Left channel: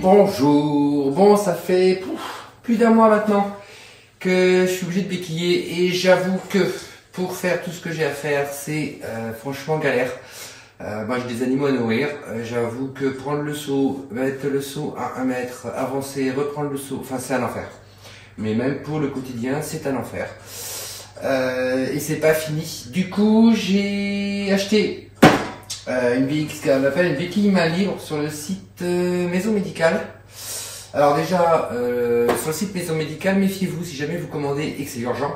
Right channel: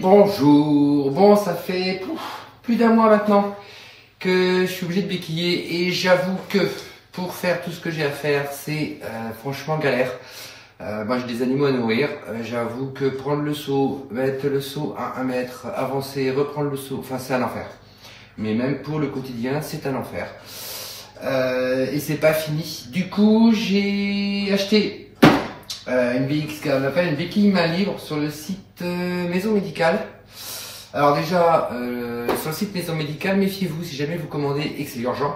bonjour. Bon, ça fait plus d'un mois maintenant que je suis obligé de béquiller et j'avoue que pour faire tout ce que j'ai à faire, c'est franchement galère. Moi j'ai des animaux à nourrir, j'avoue que prendre le seau, mettre le seau à 1 mètre, avancer, reprendre le seau, enfin c'est un enfer. Mais même pour le quotidien, c'est un enfer. Et c'est pas fini. Du coup, j'ai acheté ce qu'on appelle une béquille main libre sur le site Maison Médicale. Alors déjà, sur le site Maison Médicale, méfiez-vous si jamais vous commandez et que c'est urgent.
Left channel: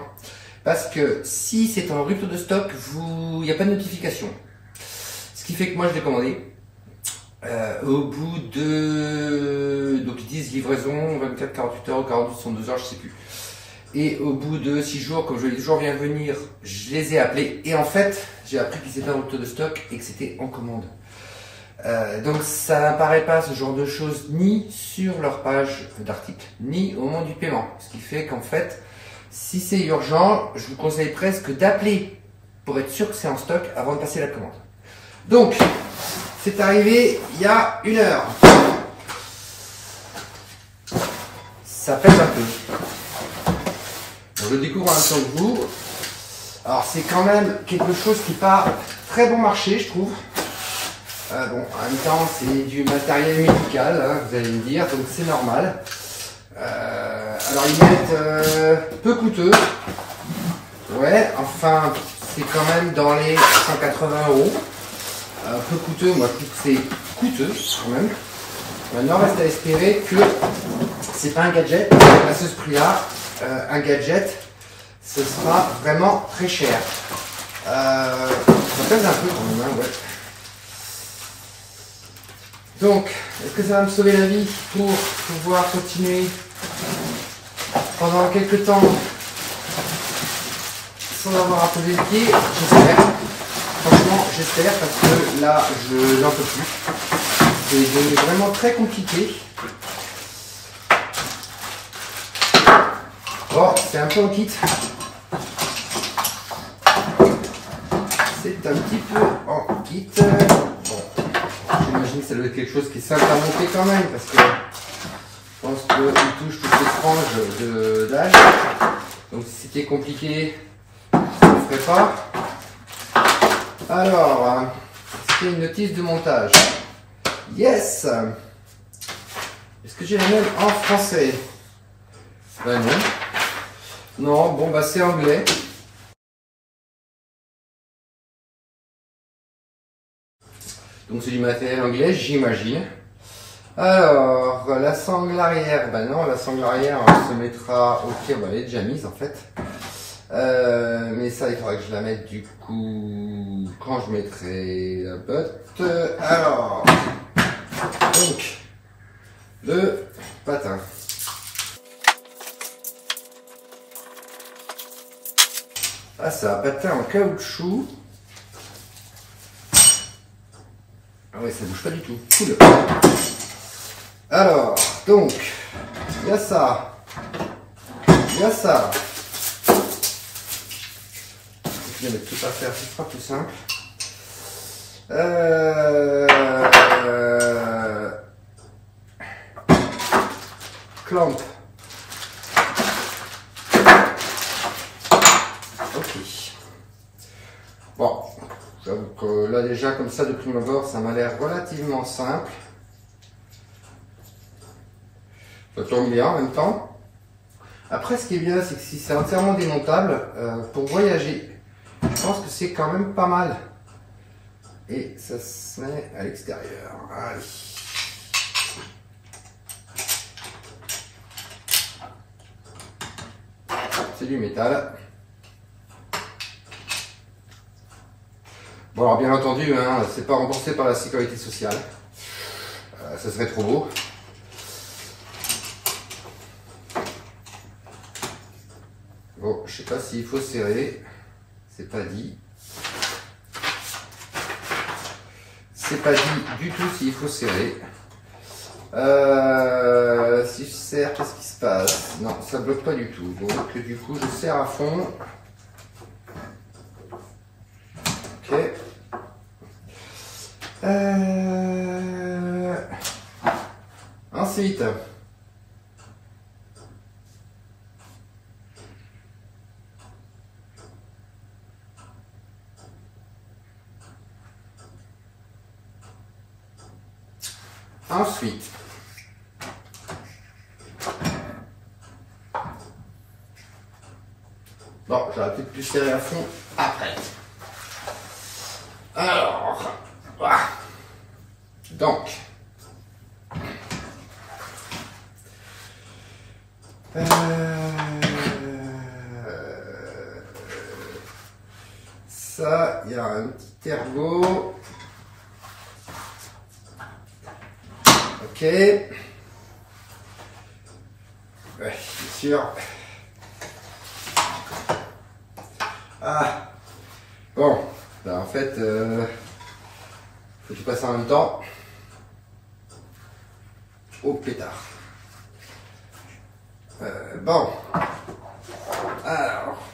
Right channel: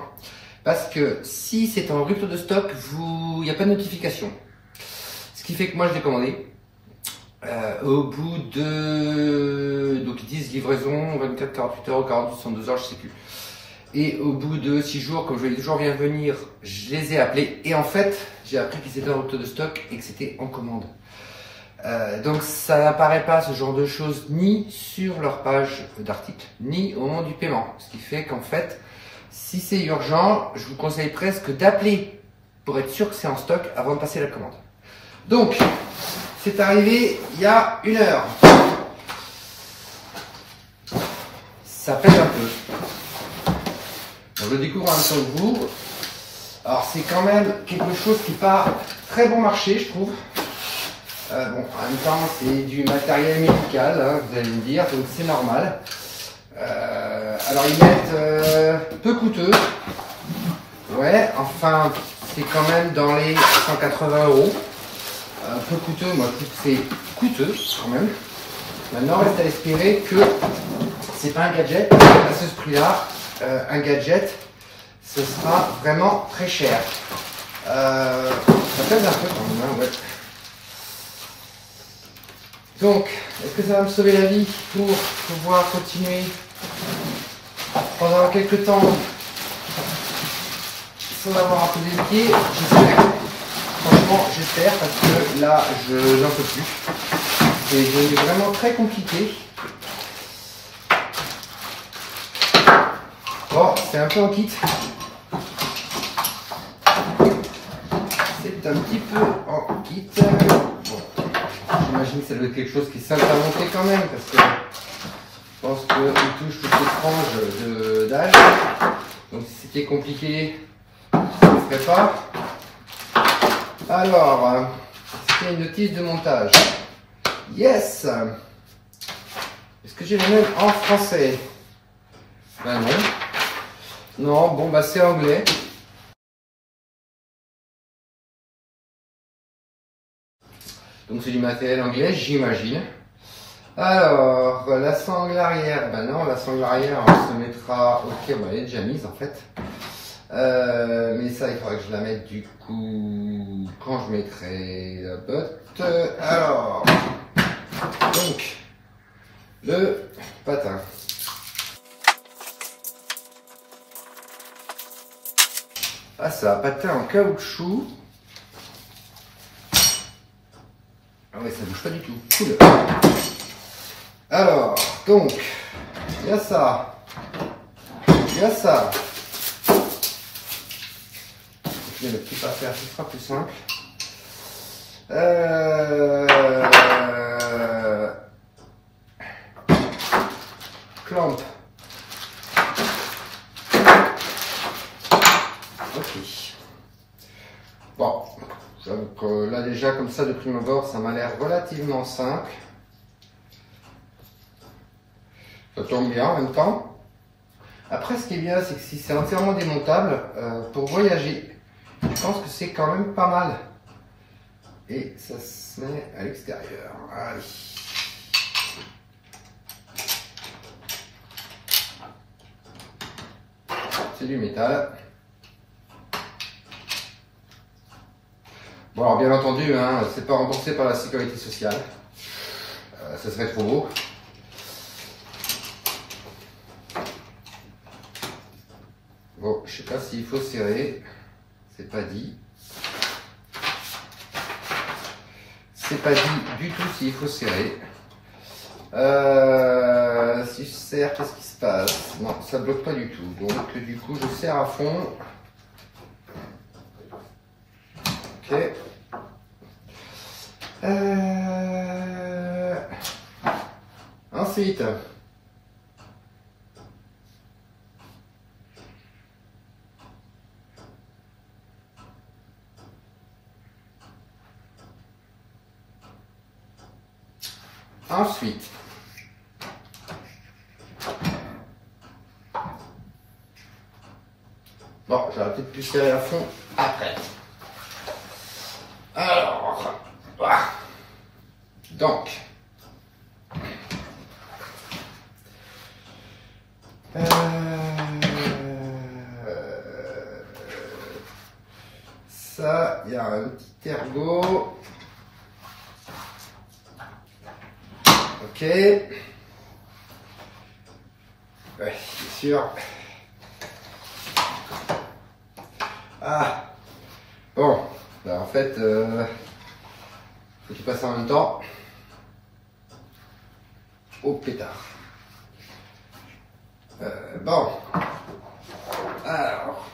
Parce que si c'est en rupture de stock, il n'y a pas de notification. Ce qui fait que moi je l'ai commandé. Au bout de... Donc ils disent livraison 24, 48 heures, 42, 72 heures, je sais plus. Et au bout de 6 jours, comme je l'ai toujours vient venir, je les ai appelés. Et en fait, j'ai appris qu'ils étaient en rupture de stock et que c'était en commande. Donc ça n'apparaît pas ce genre de choses ni sur leur page d'article, ni au moment du paiement. Ce qui fait qu'en fait, si c'est urgent, je vous conseille presque d'appeler pour être sûr que c'est en stock avant de passer la commande. Donc, c'est arrivé il y a 1 heure. Ça pèse un peu. Je le découvre en même temps que vous. Alors c'est quand même quelque chose qui part très bon marché, je trouve. Bon, en même temps c'est du matériel médical, hein, vous allez me dire, donc c'est normal. Alors ils mettent peu coûteux. Ouais, enfin c'est quand même dans les 180 €. Peu coûteux, moi je trouve que c'est coûteux quand même. Maintenant reste à espérer que c'est pas un gadget, à ce prix-là, un gadget, ce sera vraiment très cher. Ça pèse un peu quand même, hein, ouais. Donc, est-ce que ça va me sauver la vie pour pouvoir continuer pendant quelques temps sans avoir à poser le pied? J'espère. Franchement, j'espère parce que là, je n'en peux plus. C'est devenu vraiment très compliqué. Bon, c'est un peu en kit. C'est un petit peu en kit. Bon, j'imagine que ça doit être quelque chose qui est simple à monter quand même parce que je pense qu'il touche toutes les franges d'âge. Donc si c'était compliqué, je ne le ferais pas. Alors, c'est une notice de montage. Yes! Est-ce que j'ai la même en français? Ben non. Non, bon bah c'est anglais. Donc c'est du matériel anglais, j'imagine. Alors, la sangle arrière, ben non, la sangle arrière, on se mettra... Ok, bon, elle est déjà mise en fait. Mais ça, il faudra que je la mette du coup quand je mettrai la botte. Alors, donc, le patin. Ah, c'est un patin en caoutchouc. Ah ouais, ça bouge pas du tout. Cool. Alors, donc, il y a ça. Il y a ça. Je vais mettre tout à faire, ce sera plus simple. Clamp. Ok. Bon, j'avoue que là déjà comme ça de prime abord, ça m'a l'air relativement simple. Ça tombe bien en même temps. Après, ce qui est bien, c'est que si c'est entièrement démontable, pour voyager, je pense que c'est quand même pas mal. Et ça se met à l'extérieur. Allez. C'est du métal. Bon, alors bien entendu, hein, c'est pas remboursé par la sécurité sociale. Ça serait trop beau. Bon, je sais pas s'il faut serrer. C'est pas dit. C'est pas dit du tout s'il faut serrer. Si je serre, qu'est-ce qui se passe? Non, ça bloque pas du tout. Donc du coup, je serre à fond. Ok. Ensuite, bon, j'aurais peut-être pu serrer à fond après. Alors, voilà. Donc, ça, il y a un petit ergot. Ok. Ouais, c'est sûr. Ah. Bon, là en fait, faut que tu passes en même temps au pétard. Bon. Alors.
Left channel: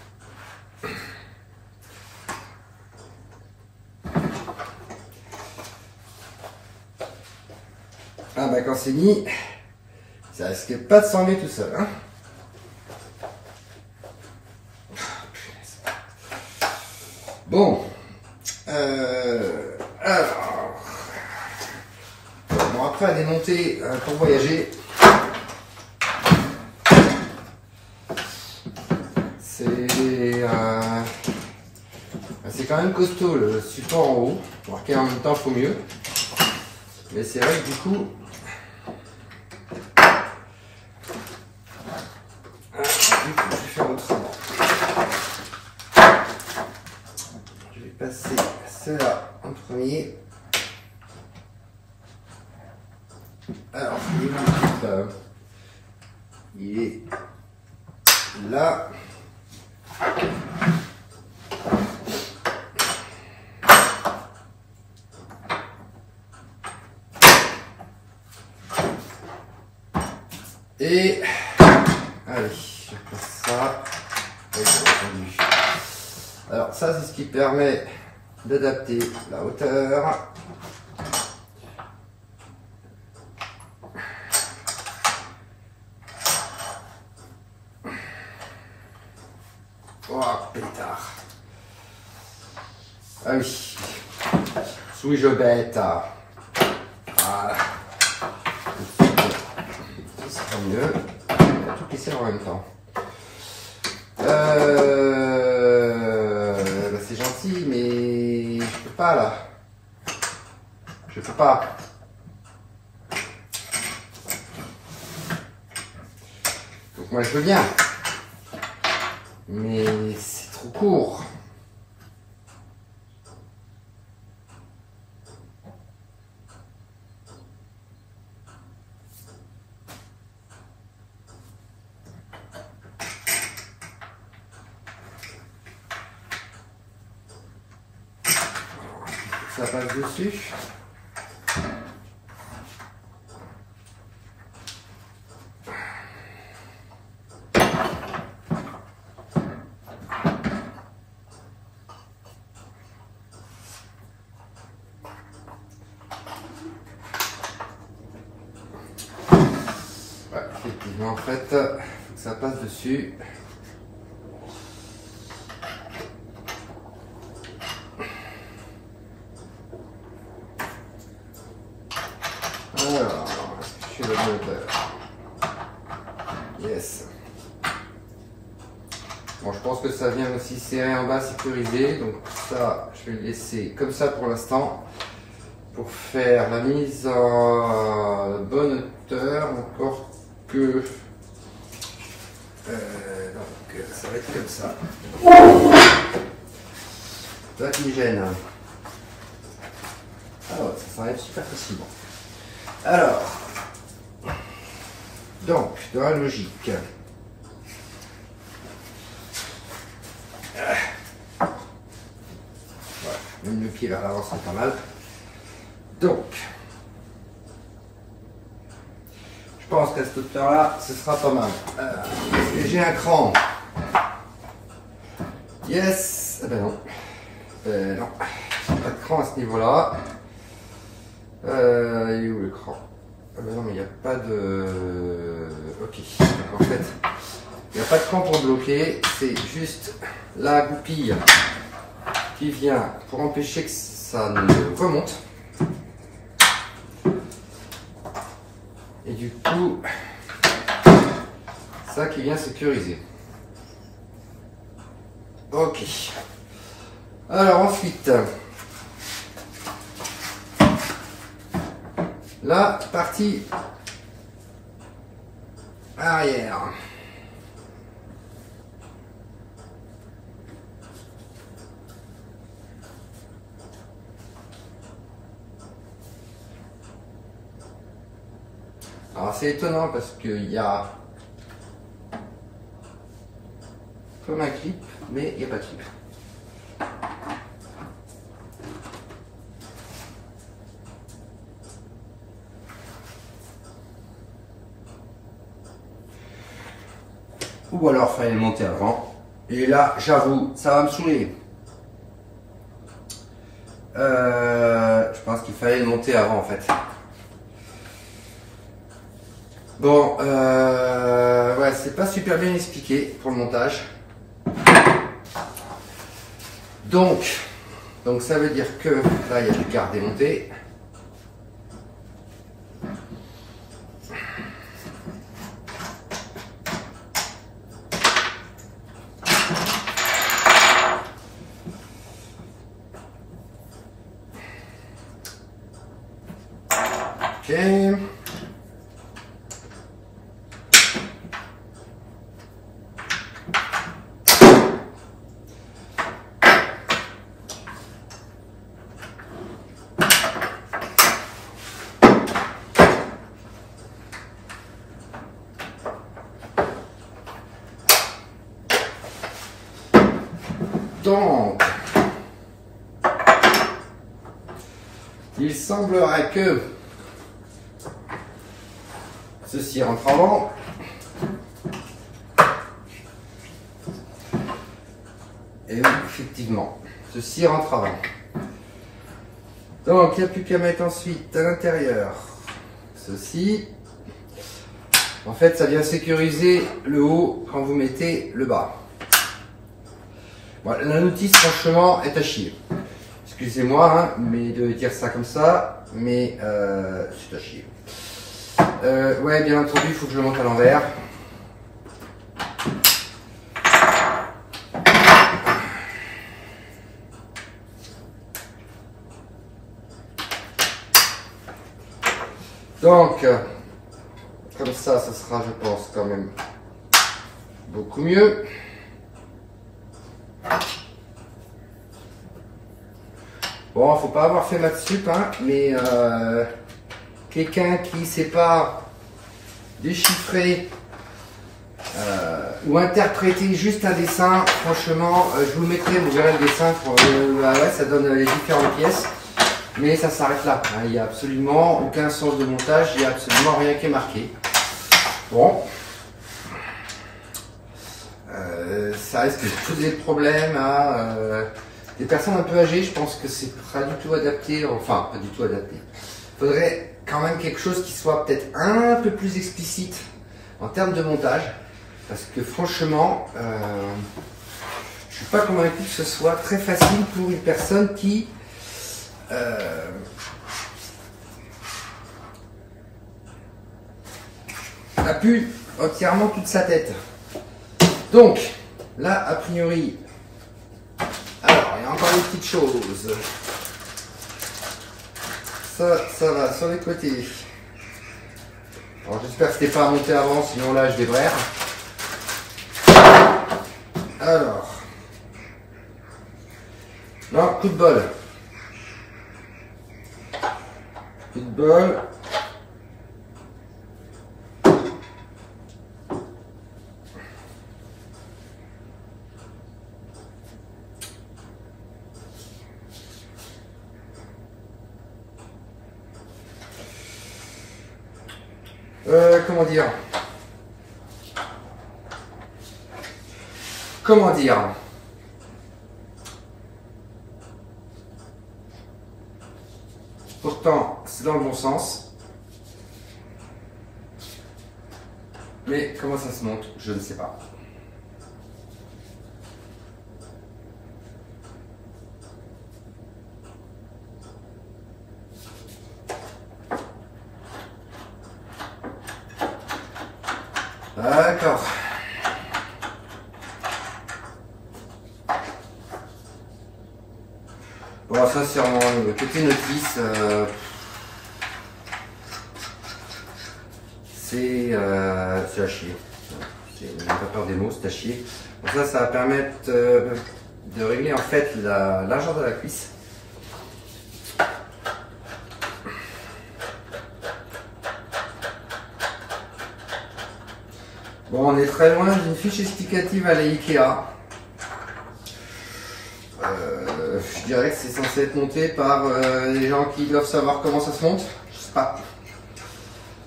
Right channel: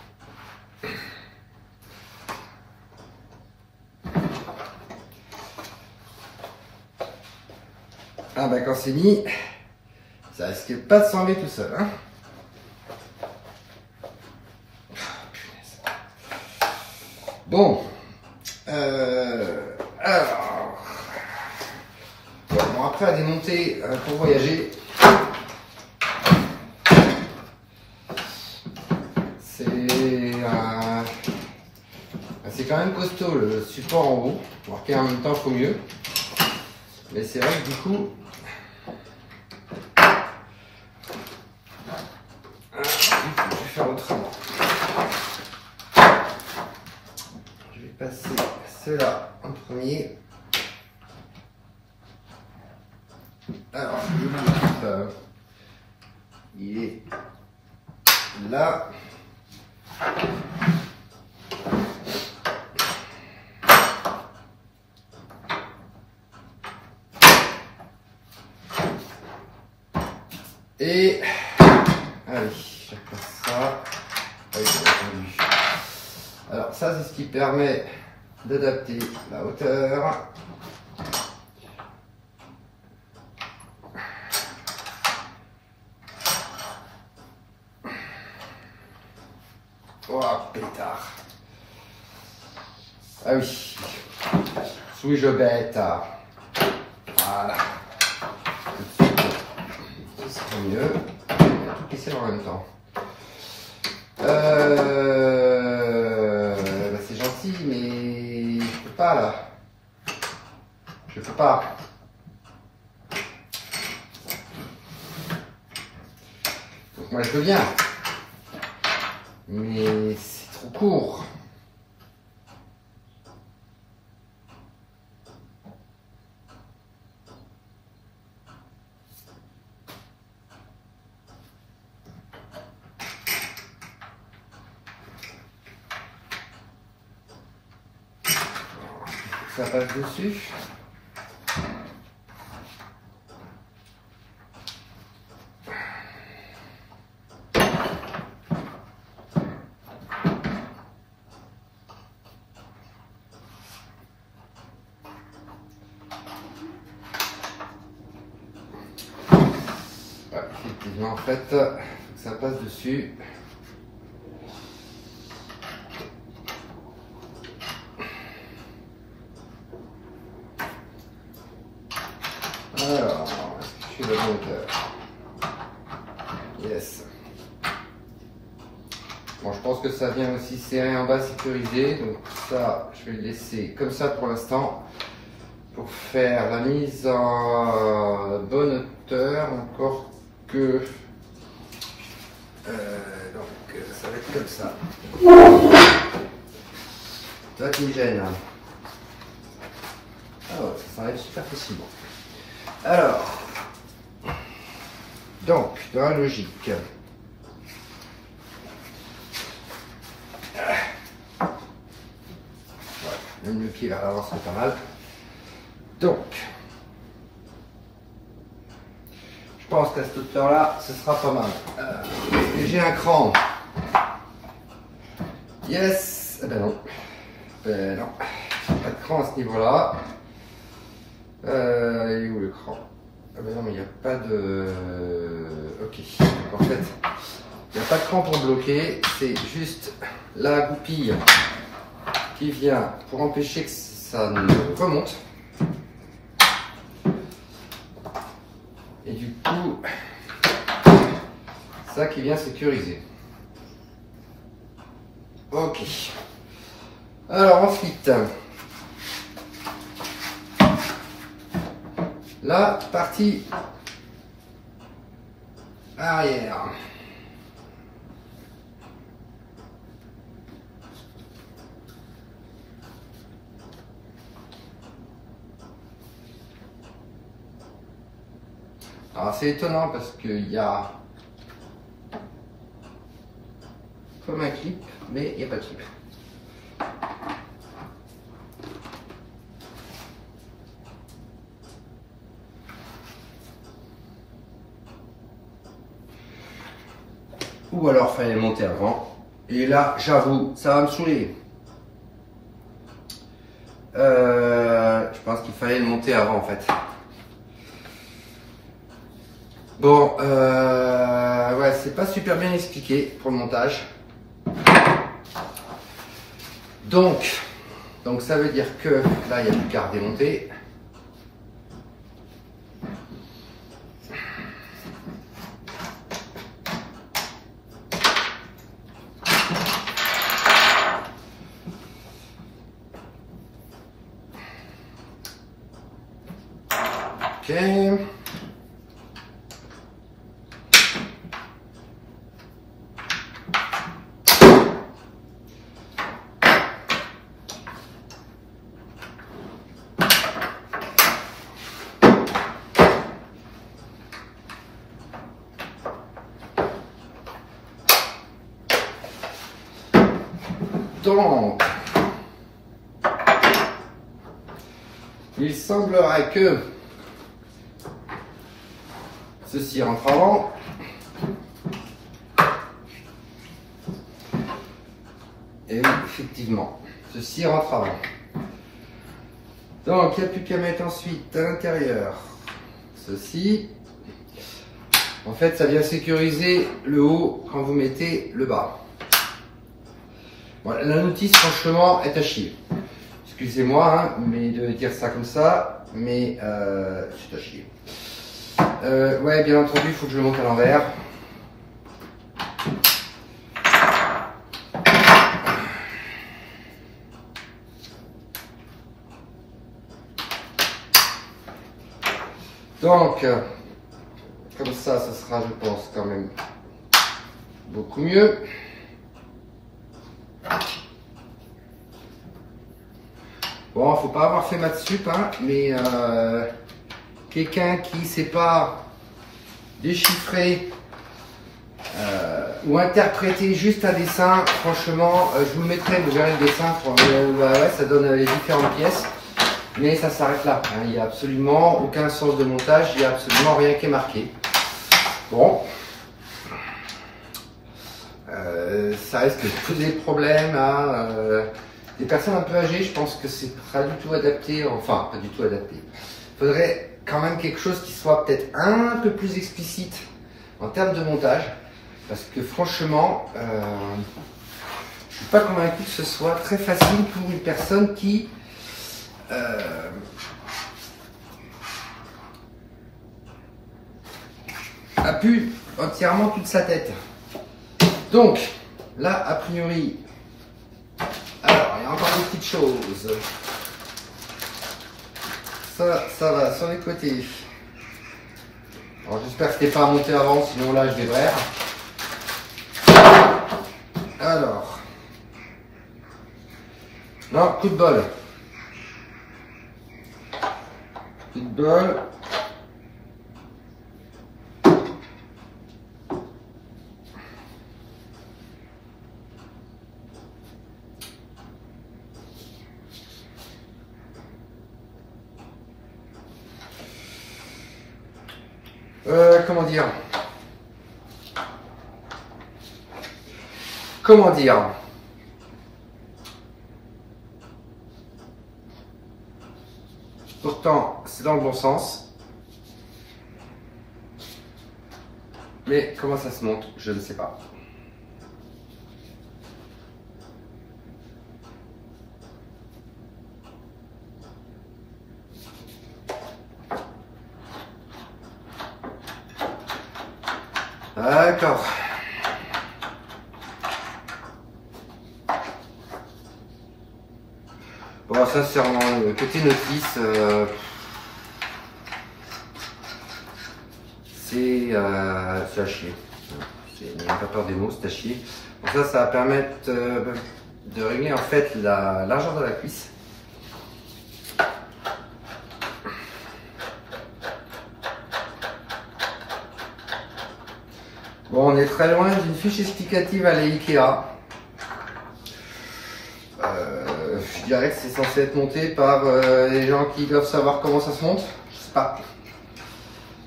Ah bah quand c'est mis, ça risque pas de s'enlever tout seul. Hein. Bon. Alors. Bon, après à démonter pour voyager. C'est quand même costaud le support en haut. Pour qu'en même temps, il faut mieux. Mais c'est vrai que du coup, je vais faire autrement. Je vais passer cela en premier. Alors, il est là. Et allez, je passe ça. Oui, bien entendu. Alors ça, c'est ce qui permet d'adapter la hauteur. Oh, pétard. Ah oui. Suis-je bête? Voilà. Ce sera mieux. On va tout casser en même temps. Bah c'est gentil, mais je peux pas là. Je peux pas. Donc moi je veux bien. Mais c'est trop court. Ça passe dessus. Ouais, effectivement, en fait, faut que ça passe dessus. Alors, est-ce que je suis de la hauteur? Yes. Bon, je pense que ça vient aussi serré en bas, sécurisé. Donc ça, je vais le laisser comme ça pour l'instant. Pour faire la mise en bonne hauteur, encore que... donc ça va être comme ça. Toi qui me gêne. Ah ouais, ça s'enlève super facilement. Alors, donc, dans la logique, voilà, même le pied vers l'avant, c'est pas mal. Donc, je pense qu'à cette hauteur-là, ce sera pas mal. Est-ce que j'ai un cran? Yes. Eh ben non. Non. Pas de cran à ce niveau-là. Il est où le cran? Ah ben non, mais il n'y a pas de... Ok, donc en fait, il n'y a pas de cran pour bloquer, c'est juste la goupille qui vient pour empêcher que ça ne remonte. Et du coup, ça qui vient sécuriser. Ok. Alors ensuite, la partie arrière. Alors c'est étonnant parce qu'il y a comme un clip, mais il n'y a pas de clip. Ou alors fallait le monter avant. Et là, j'avoue, ça va me saouler. Je pense qu'il fallait le monter avant en fait. Bon, ouais, c'est pas super bien expliqué pour le montage. Donc ça veut dire que là, il n'y a plus qu'à redémonter. Ok. Donc, il semblerait que ceci rentre avant. Et oui, effectivement, ceci rentre avant. Donc, il n'y a plus qu'à mettre ensuite à l'intérieur ceci. En fait, ça vient sécuriser le haut quand vous mettez le bas. Voilà, la notice, franchement, est à chier. Excusez-moi, hein, mais de dire ça comme ça, mais c'est à chier. Ouais, bien entendu, il faut que je le monte à l'envers. Donc, comme ça sera, je pense, quand même beaucoup mieux. Bon, faut pas avoir fait maths sup, hein, mais quelqu'un qui sait pas déchiffrer ou interpréter juste un dessin, franchement, je vous le mettrai, vous verrez le dessin, ouais, ça donne les différentes pièces, mais ça s'arrête là, hein, il n'y a absolument aucun sens de montage, il n'y a absolument rien qui est marqué. Bon, ça risque de poser problème à des personnes un peu âgées. Je pense que c'est pas du tout adapté, enfin pas du tout adapté. Il faudrait quand même quelque chose qui soit peut-être un peu plus explicite en termes de montage, parce que franchement, je suis pas convaincu que ce soit très facile pour une personne qui a pu entièrement toute sa tête. Donc là, a priori, alors il y a encore une petite chose. Ça va sur les côtés. Alors j'espère que c'était pas monté avant, sinon là je vais braire. Alors, non, coup de bol. Coup de bol. Comment dire? Comment dire? Pourtant, c'est dans le bon sens. Mais comment ça se monte, je ne sais pas. D'accord. Bon, ça c'est en côté notice. C'est à chier. Il n'y a pas peur des mots, c'est à chier. Donc ça va permettre de régler en fait la largeur de la cuisse. Bon, on est très loin d'une fiche explicative à la Ikea. Je dirais que c'est censé être monté par les gens qui doivent savoir comment ça se monte. Je sais pas.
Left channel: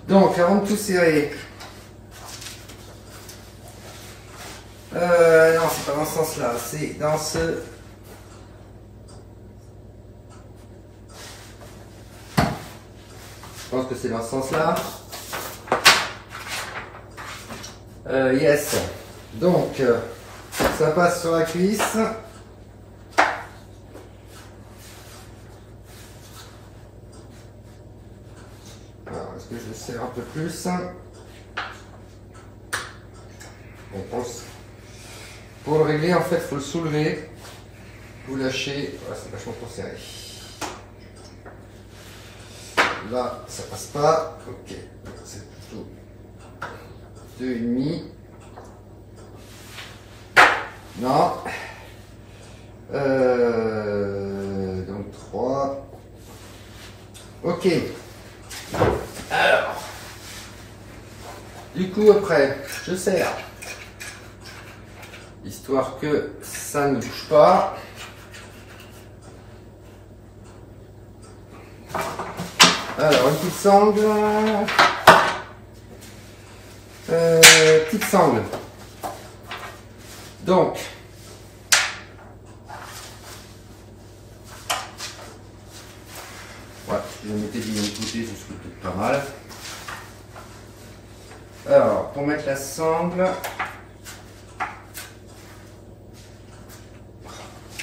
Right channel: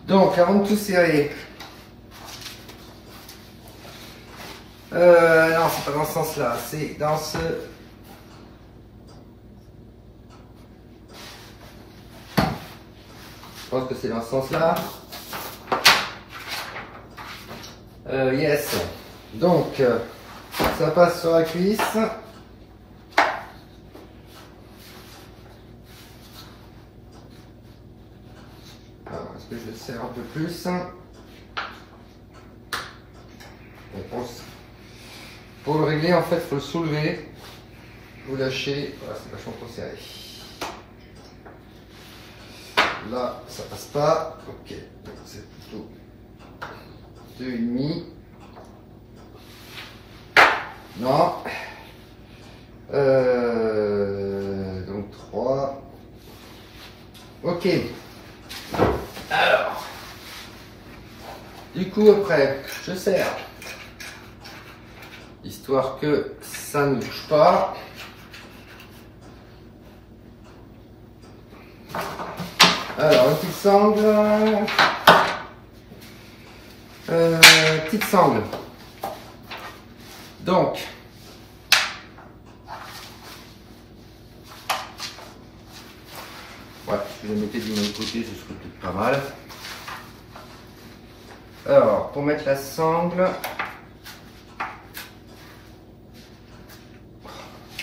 Donc, avant de tout serrer. Non, c'est pas dans ce sens-là. C'est dans ce... Je pense que c'est dans ce sens-là. Yes. Donc, ça passe sur la cuisse. Est-ce que je le serre un peu plus? On pense. Pour le régler, en fait, il faut le soulever. Vous lâchez. Voilà, c'est vachement trop serré. Là, ça passe pas. Ok. C'est plutôt 2,5. Non. Donc 3. Ok. Alors. Du coup, après, je serre. Histoire que ça ne bouge pas. Alors, une petite sangle. Petite sangle. Donc, voilà, je vais noter du même côté, ce serait peut-être pas mal. Alors, pour mettre la sangle,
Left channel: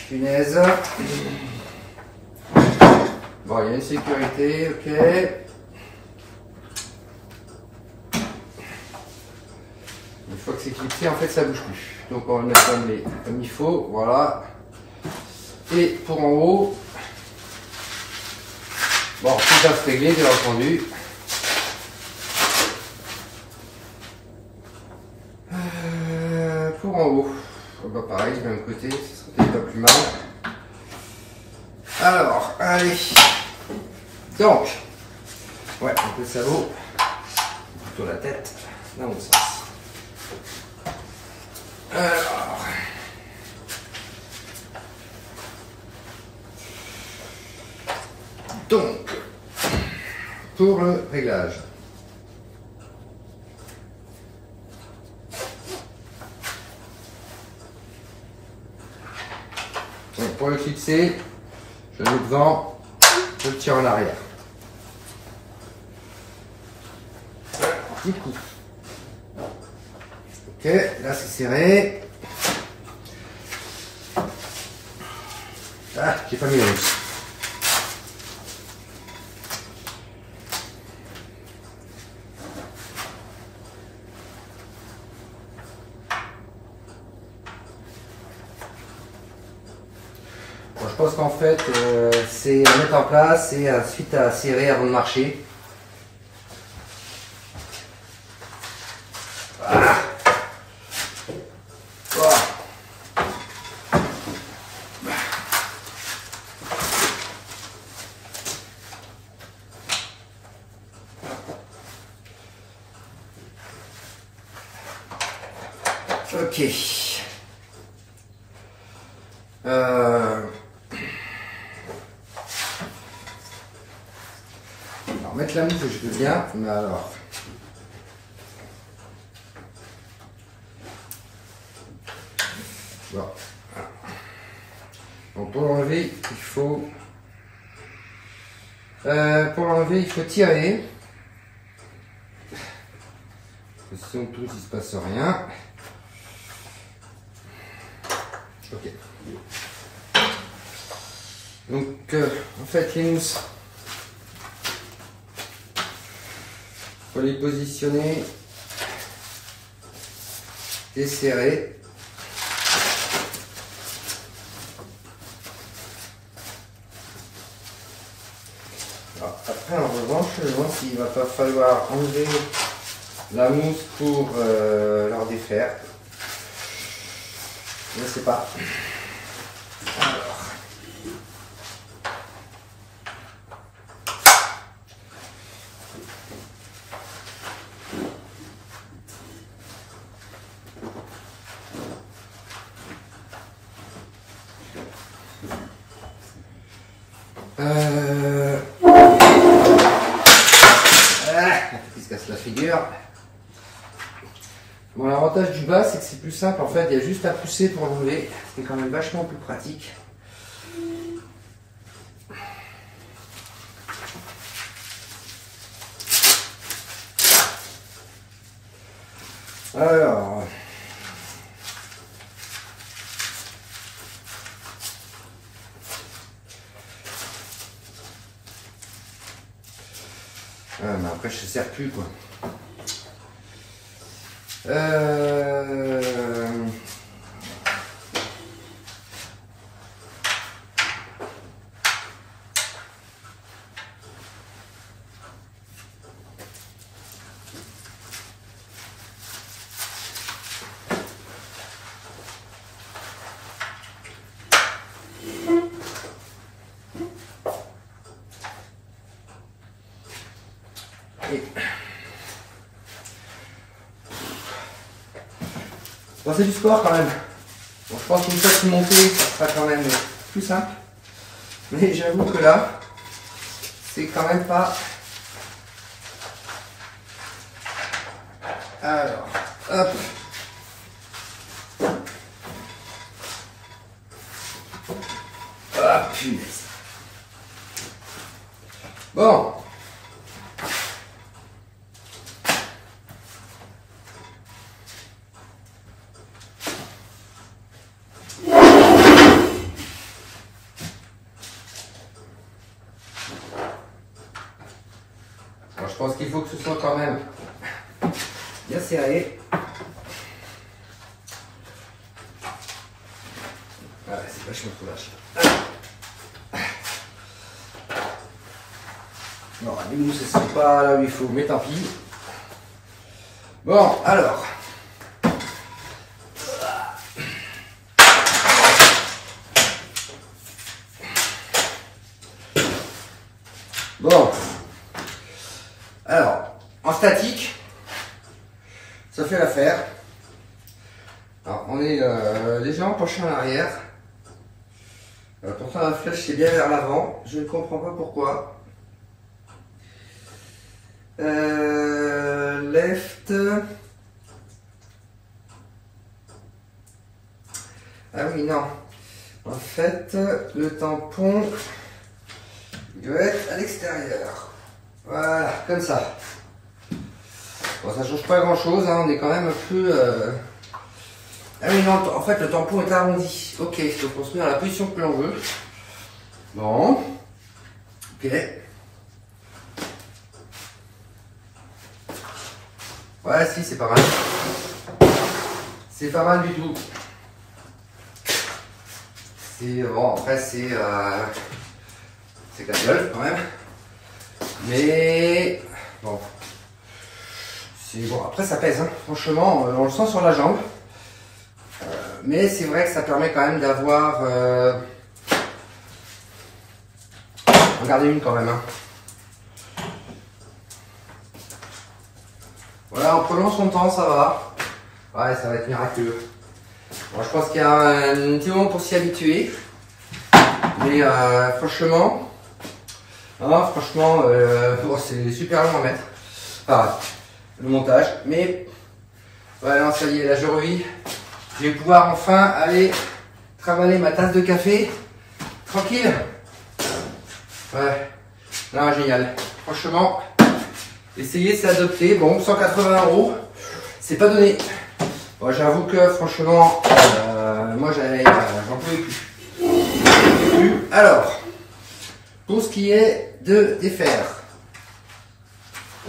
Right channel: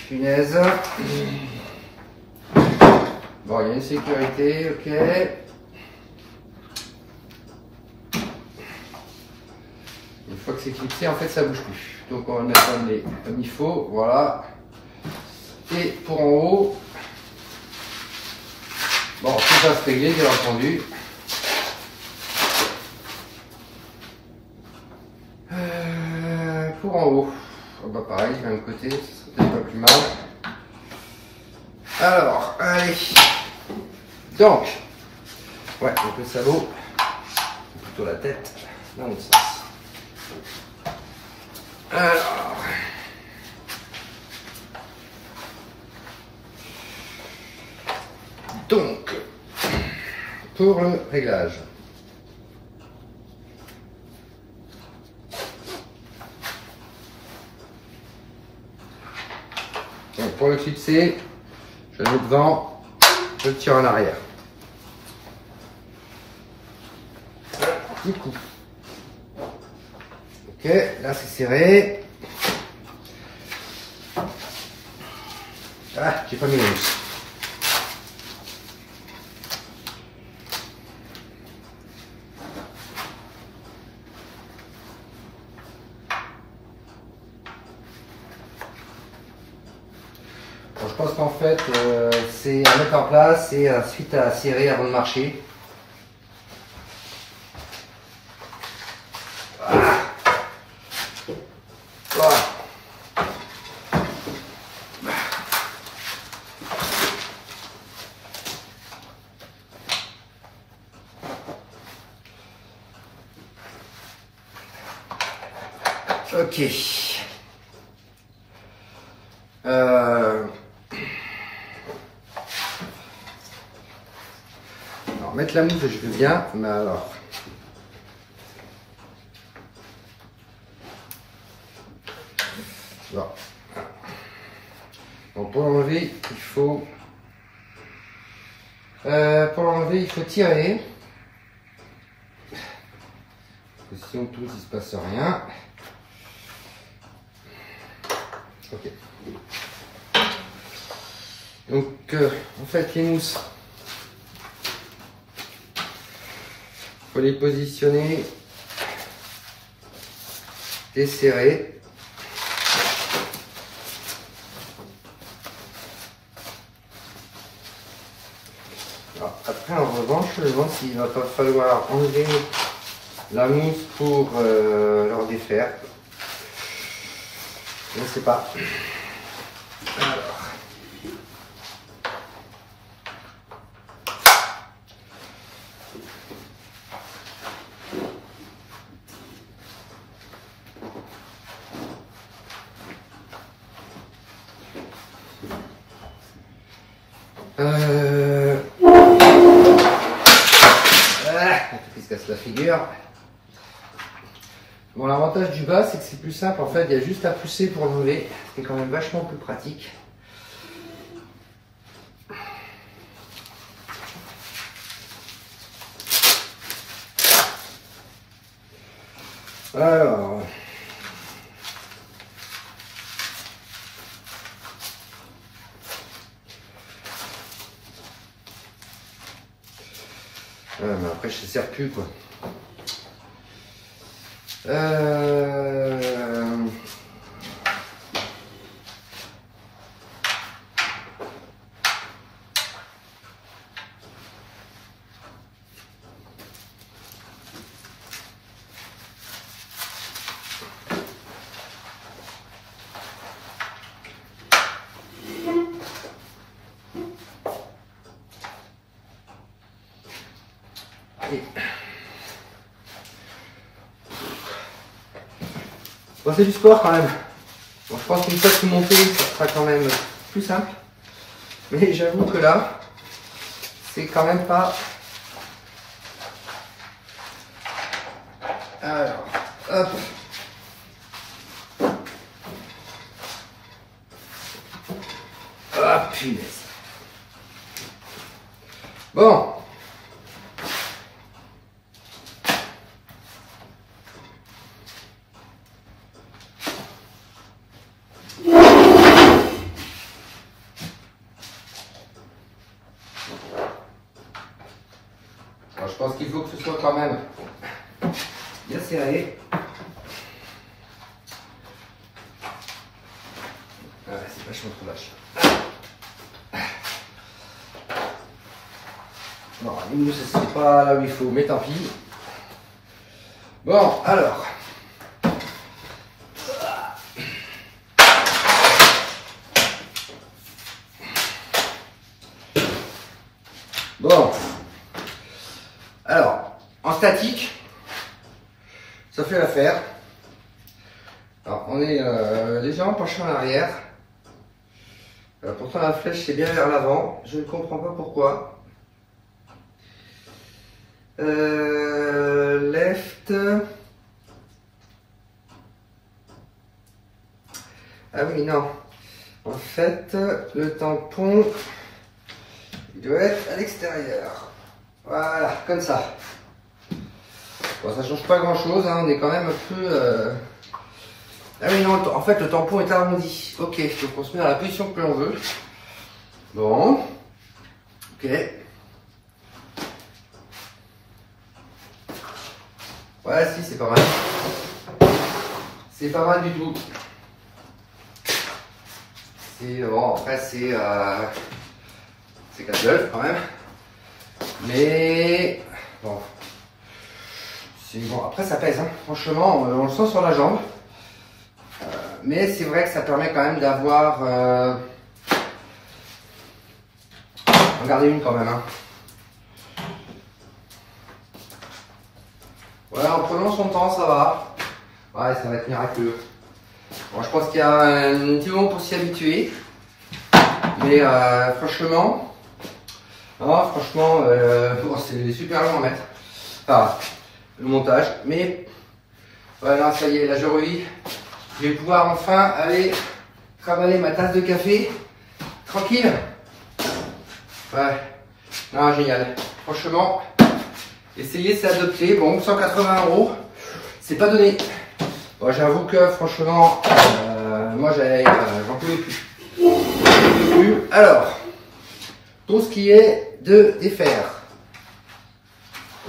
punaise. Bon, il y a une sécurité, ok. Une fois que c'est clipsé, en fait, ça bouge plus. Donc, on va le mettre comme il faut, voilà. Et pour en haut, bon, tout va se régler, bien entendu. Pour en haut, bah pareil, du même côté, ce serait peut-être pas plus mal. Alors, allez. Donc, ouais, donc le sabot, plutôt la tête, dans l'autre sens. Alors, donc, pour le réglage. Donc, pour le clipser, je le mets devant, je le tire en arrière. Petit coup. Ok, là c'est serré. Ah, j'ai pas mis la mousse. Bon, je pense qu'en fait, c'est à mettre en place et ensuite à serrer avant de marcher. Ok. Alors, mettre la mousse, je veux bien, mais alors. Bon. Donc, pour l'enlever, il faut. Pour l'enlever, il faut tirer. Parce que si on touche, il ne se passe rien. Ok. Donc, en fait, les mousses, il faut les positionner et serrer. Alors, après, en revanche, je me demande s'il ne va pas falloir enlever la mousse pour leur défaire. Je ne sais pas. Alors. Il se casse la figure. Bon, l'avantage du bas, c'est que c'est plus simple. En fait, il y a juste à pousser pour l'enlever. C'est quand même vachement plus pratique. Alors. Mais après, je ne sers plus, quoi. Bon, c'est du sport quand même. Bon, je pense qu'une fois que c'est monté, ça sera quand même plus simple. Mais j'avoue que là, c'est quand même pas. Alors, hop. Ah, punaise. Bon. Alors, je pense qu'il faut que ce soit quand même bien serré. Ah ouais, c'est vachement trop vache. Non, les mousses, ce n'est pas là où il faut, mais tant pis. Bon, alors. Bon. Alors, en statique, ça fait l'affaire. Alors, on est légèrement penché en arrière. Pourtant, la flèche, c'est bien vers l'avant. Je ne comprends pas pourquoi. Left. Ah oui, non. En fait, le tampon, il doit être à l'extérieur. Voilà, comme ça. Bon, ça change pas grand chose, hein, on est quand même un peu... Ah oui, non, en fait, le tampon est arrondi. Ok, donc on se met dans la position que l'on veut. Bon. Ok. Ouais, si, c'est pas mal. C'est pas mal du tout. C'est bon, après, c'est casse-gueule quand même. Mais bon. C'est bon, après, ça pèse, hein. Franchement, on le sent sur la jambe. Mais c'est vrai que ça permet quand même d'avoir. Regardez une quand même, hein. Voilà, en prenant son temps, ça va. Ouais, ça va être miraculeux. Bon, je pense qu'il y a un petit moment pour s'y habituer. Mais franchement, bon, c'est super long à mettre. Enfin, le montage. Mais voilà, ça y est, là je revis. Je vais pouvoir enfin aller travailler ma tasse de café tranquille. Ouais, non, génial. Franchement, essayer, c'est adopté. Bon, 180 €. c'est pas donné. Bon, j'avoue que franchement, moi j'en pouvais plus. Alors, pour ce qui est de défaire.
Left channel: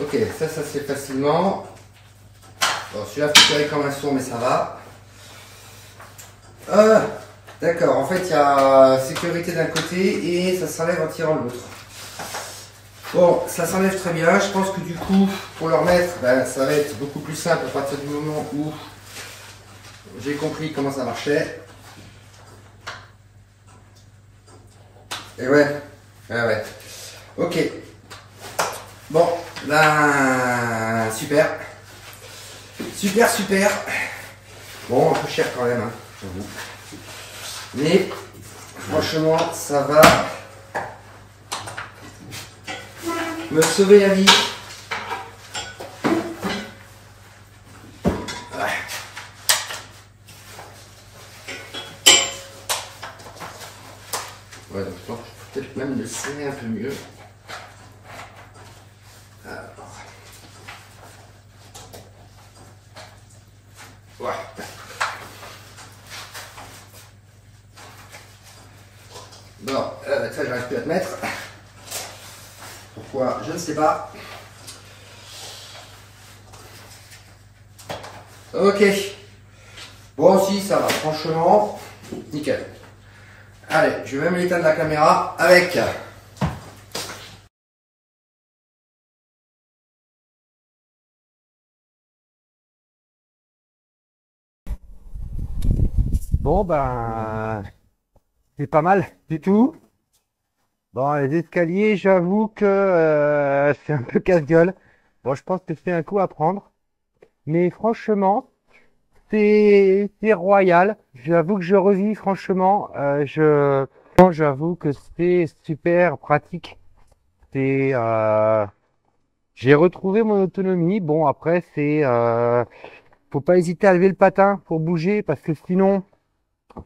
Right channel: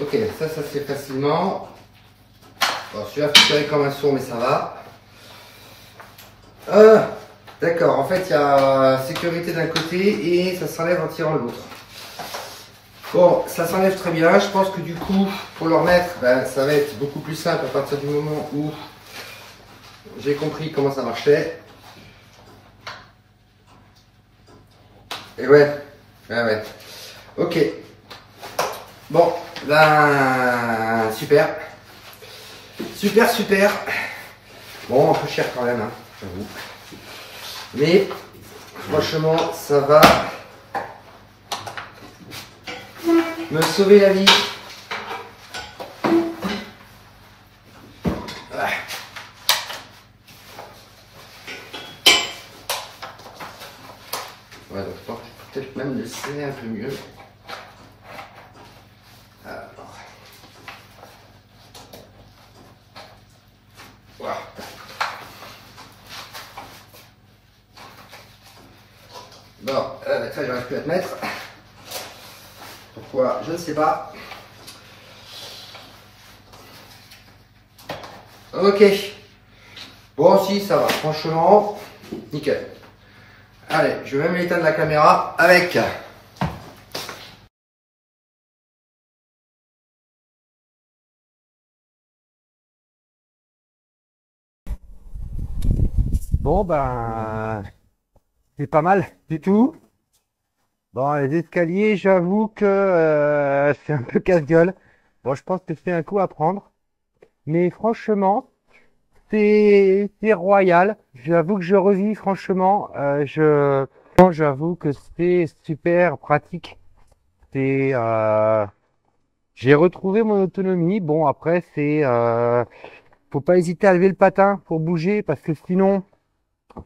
Ok, ça se fait facilement. Bon, celui-là faut tirer comme un sourd, mais ça va. D'accord, en fait il y a sécurité d'un côté et ça s'enlève en tirant l'autre. Bon, ça s'enlève très bien. Je pense que du coup, pour le remettre, ben, ça va être beaucoup plus simple à partir du moment où j'ai compris comment ça marchait. Et ouais. Ok. Bon, ben, super. Super. Bon, un peu cher quand même, hein, j'avoue. Mais, franchement, ça va me sauver la vie. Ouais. Ouais, donc je pense que je peux peut-être même le serrer un peu mieux. Alors. Ouais. Bon, ça j'arrive plus à te mettre. Pourquoi? Je ne sais pas. Ok. Bon, si, ça va. Franchement, nickel. Allez, je vais même éteindre la caméra avec. Bon, ben, c'est pas mal du tout. Bon, les escaliers, j'avoue que c'est un peu casse-gueule. Bon, je pense que c'est un coup à prendre. Mais franchement, c'est royal. J'avoue que je revis, franchement. J'avoue que c'est super pratique. C'est, j'ai retrouvé mon autonomie. Bon, après, faut pas hésiter à lever le patin pour bouger parce que sinon,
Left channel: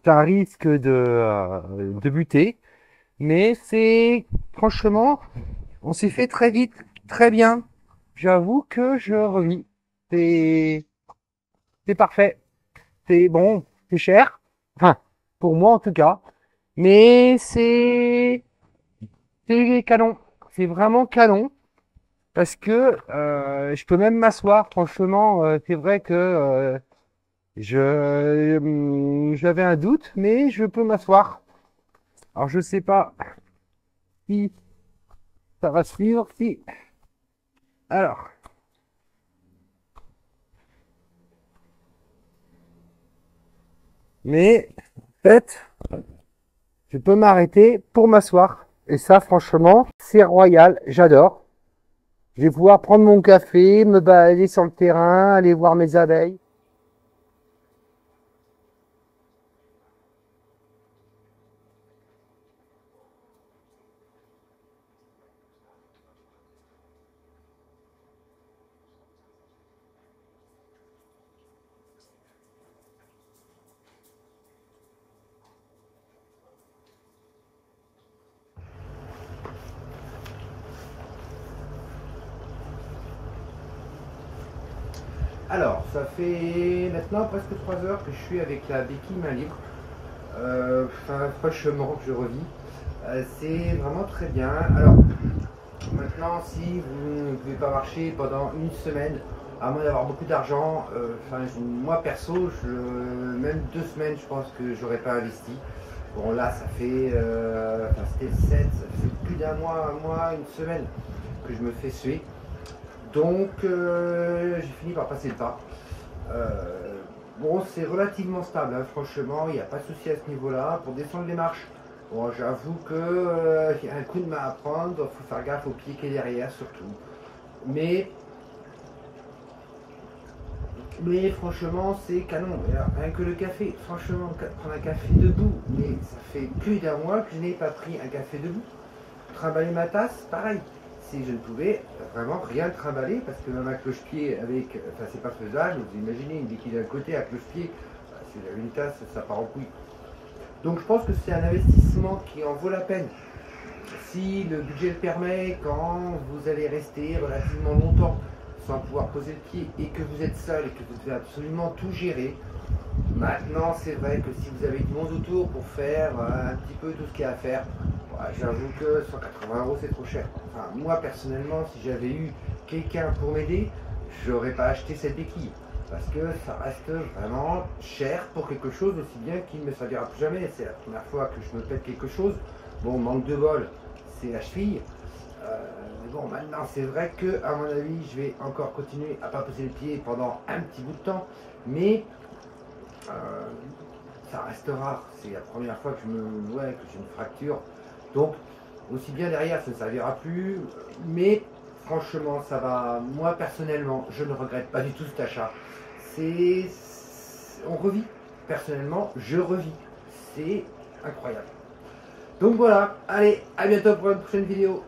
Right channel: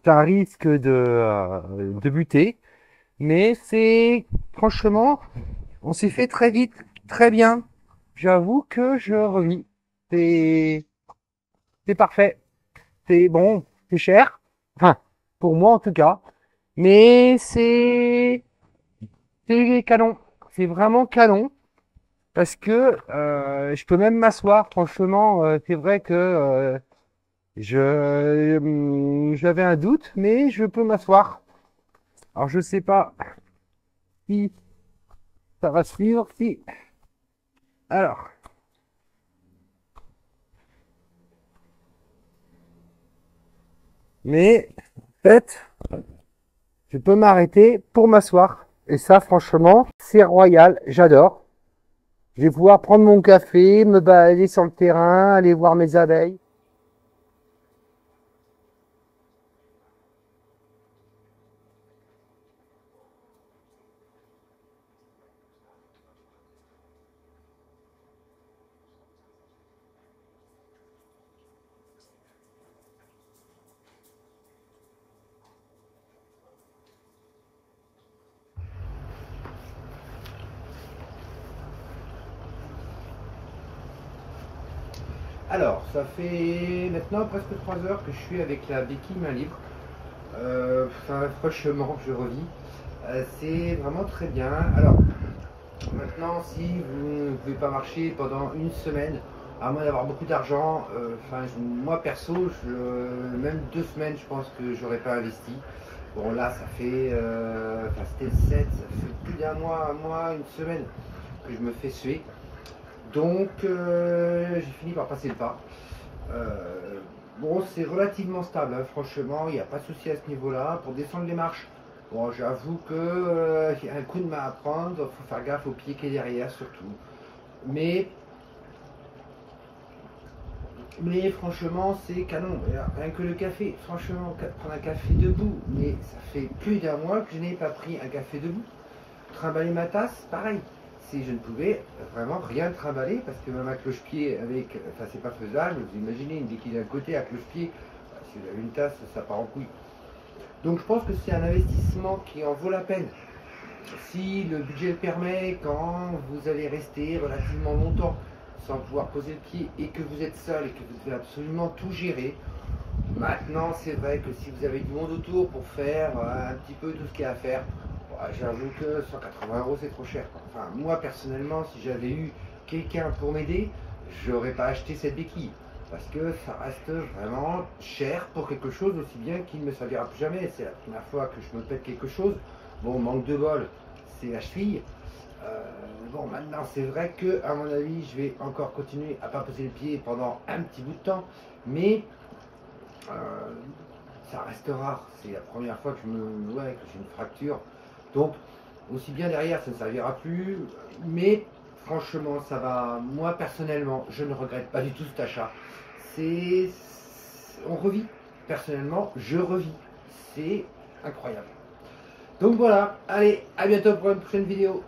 t'as un risque de buter. Mais franchement, on s'est fait très vite, très bien. J'avoue que je revis. C'est, c'est parfait. C'est bon, c'est cher. Enfin, pour moi en tout cas. Mais c'est canon. C'est vraiment canon. Parce que je peux même m'asseoir. Franchement, c'est vrai que j'avais un doute, mais je peux m'asseoir. Alors je sais pas si ça va suivre. Si. Alors. Mais en fait, je peux m'arrêter pour m'asseoir. Et ça, franchement, c'est royal. J'adore. Je vais pouvoir prendre mon café, me balader sur le terrain, aller voir mes abeilles. Alors, ça fait maintenant presque 3 heures que je suis avec la béquille main libre. Franchement, je revis. C'est vraiment très bien. Alors, maintenant, si vous ne pouvez pas marcher pendant une semaine, à moins d'avoir beaucoup d'argent, moi perso, même 2 semaines, je pense que j'aurais pas investi. Bon, là, ça fait, c'était le 7, ça fait plus d'un mois, un mois, une semaine que je me fais suer. Donc, j'ai fini par passer le pas. Bon, c'est relativement stable, hein, franchement, il n'y a pas de souci à ce niveau-là. Pour descendre les marches, bon, j'avoue que y a un coup de main à prendre, il faut faire gaffe au pied qui est derrière surtout. Mais franchement, c'est canon. Rien que le café, franchement, prendre un café debout, mais ça fait plus d'un mois que je n'ai pas pris un café debout. Trimballer ma tasse, pareil. Si je ne pouvais vraiment rien trimballer, parce que même un cloche-pied avec, c'est pas faisable. Vous imaginez une béquille d'un côté, un cloche-pied, si vous avez une tasse, ça part en couille. Donc je pense que c'est un investissement qui en vaut la peine. Si le budget le permet, quand vous allez rester relativement longtemps sans pouvoir poser le pied et que vous êtes seul et que vous devez absolument tout gérer. Maintenant, c'est vrai que si vous avez du monde autour pour faire un petit peu tout ce qu'il y a à faire, j'avoue que 180 € c'est trop cher. Enfin, moi personnellement, si j'avais eu quelqu'un pour m'aider, j'aurais pas acheté cette béquille. Parce que ça reste vraiment cher pour quelque chose aussi bien qu'il ne me servira plus jamais. C'est la première fois que je me pète quelque chose. Bon, manque de bol, c'est la cheville. Bon, maintenant, c'est vrai que, à mon avis, je vais encore continuer à pas poser le pied pendant un petit bout de temps. Mais ça reste rare. C'est la première fois que que j'ai une fracture. Donc, aussi bien derrière, ça ne servira plus. Mais franchement, ça va. Moi, personnellement, je ne regrette pas du tout cet achat. On revit. Personnellement, je revis. C'est incroyable. Donc voilà. Allez, à bientôt pour une prochaine vidéo.